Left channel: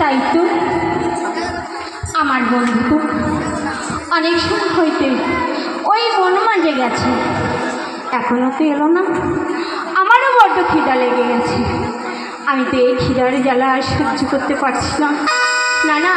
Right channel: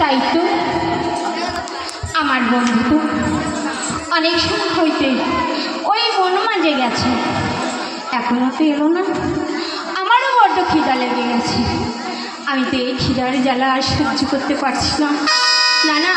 তাই তো আমার বন্ধু তো অনেক সময় হইতে ওই বন মাঝে গেছে, এখনো তো এলো না। আমারও বড্ড খিদা লেগে গেছে, আমি তো এই খিদার জ্বালা আর সহ্য করতে পারছি না। না না,